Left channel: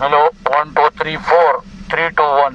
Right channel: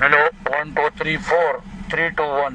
1 2 3 4 3 2 1